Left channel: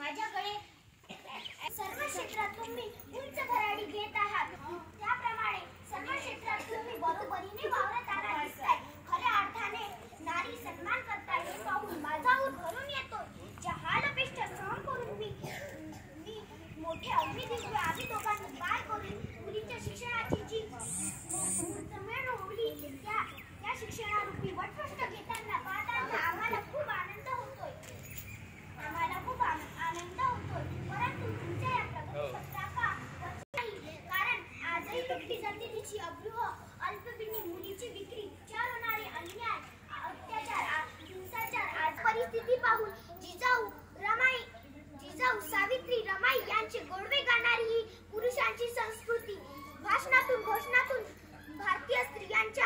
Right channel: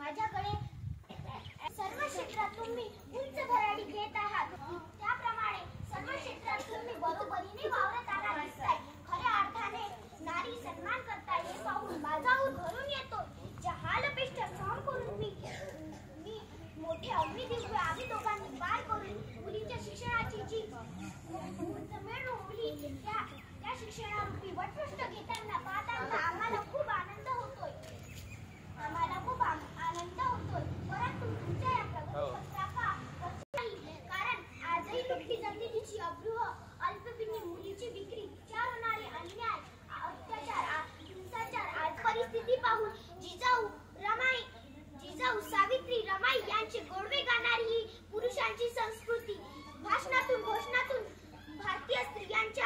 माझ्याकडे सर्व क्षेत्रात तुम्ही उंच भरारी घेत आहात, त्याप्रमाणे सर्व क्षेत्रात तुम्ही बरोबरीने वावरताना दिसताय. खऱ्या अर्थाने नारी सन्मान करता हे पाहून माझा ऊर भरून येतो. ज्या हालपेष्ट सहन करून मी मोठे अग्निदिव्य आम्ही दोघांनी पार करून मुलीच्या शिक्षणाची जी मुहूर्तमेढ उघडली, त्या शिक्षणारूपी वटवृष्ट घेताना पाहताना आम्हाला खूप आनंद होतोय. परंतु तुमच्या या प्रगतीपत्राका नाही, कारण आजही लुटली जाते तिची अभ्रूह अल्पपिनी मुलीची विक्री, विचार होणारे अन्याय, अत्याचार, हिंसाचार. आज परिस्थिती पाहून जिजाऊ सावित्री रमाई यांचे गोडवे गाणारी ही पुरुषांची संस्कृती भाषणातून घोषणातून भारतीय स्त्रियांच्या